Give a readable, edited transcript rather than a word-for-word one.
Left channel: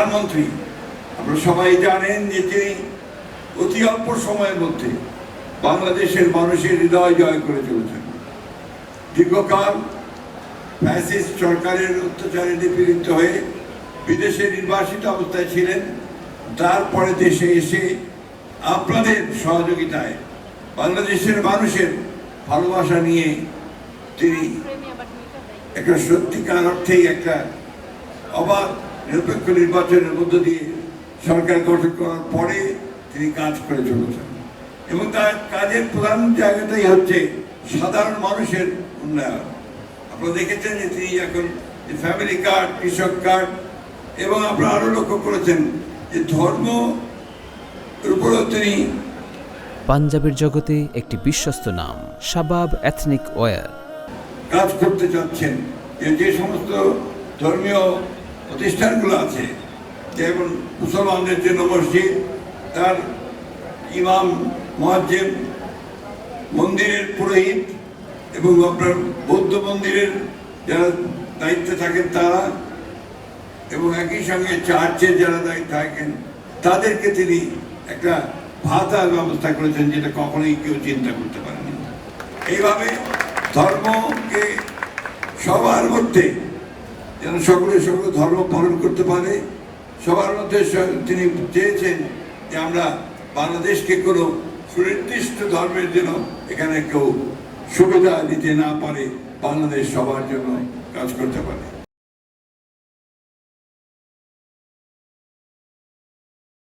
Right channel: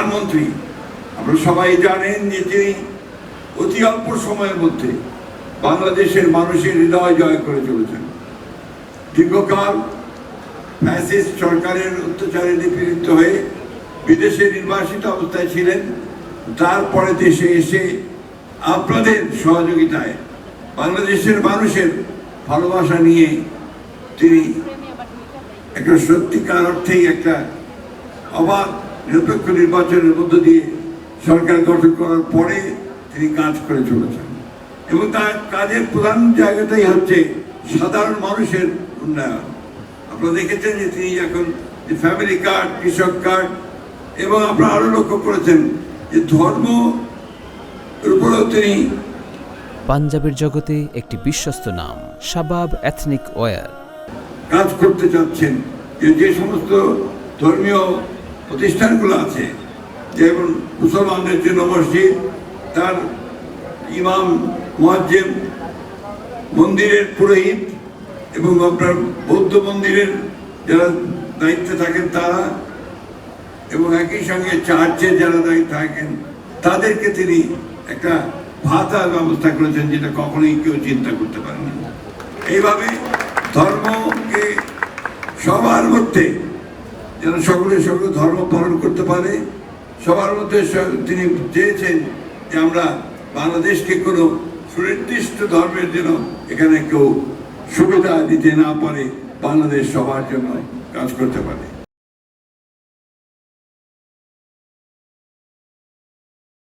প্রধানমন্ত্রী, আপনারা সবাই জানেন যে তিনি অতি অল্প সময়ের মধ্যে বাংলাদেশের মানুষের হৃদয় জয় করে চলেছেন। দীর্ঘকাল ফ্যাসিস্ট সরকারের অত্যাচারে নিপীড়িত হয়ে বিদেশে নির্বাসিত অবস্থায় ছিলেন। তারপরে দেশে এসে আপনাদের সহযোগিতায় বাংলাদেশের মানুষের ভালোবাসা নিয়ে তিনি একটা সত্যিকার অর্থেই একটা অবাধ নিরপেক্ষ নির্বাচনের মধ্য দিয়ে সরকার গঠন করার পরে তিনি কাজ করে চলেছেন এবং তার কাজের প্রধান জায়গাটাই হচ্ছে সাধারণ মানুষের উন্নয়ন। আপনারা দেখেছেন যে তিনি এখন ফ্যামিলি কার্ড, কৃষক কার্ড এবং আপনারা আরো লক্ষ্য করেছেন যে ধর্ম উপরেও তিনি পাঞ্জাবের জগতে একটি বিশ্বস্ত নাম শাবাব এথনিক ওয়্যার কাজ করতে চাচ্ছেন। যে সমস্ত ধর্মীয় প্রতিষ্ঠানগুলো আছে, যেমন মুসলমানদের জন্য মসজিদ, তার ইমাম, মুয়াজ্জিম, মন্দিরের পুরোহিত এবং আপনার বৌদ্ধ মন্দিরের যারা দায়িত্বে থাকেন তারা, এবং একই সঙ্গে চার্চের যারা দায়িত্বে থাকেন তাদেরকে তিনি একটা ভাতার ব্যবস্থা করেছেন, যেটা কখনোই কেউ চিন্তা করতে পারেনি। এইভাবে ধর্মকে সবার মধ্যে যেন সকলে ধর্ম পালন করতে পারে, সবার মধ্যে তিনি চেয়েছেন যে আমরা বাংলাদেশকে কোনো সুনির্দিষ্ট ধর্মের জন্য এখানে কেউ সুবিধা দিতে না পারে, বাংলাদেশ সবার জন্য কাজ করতে পারে।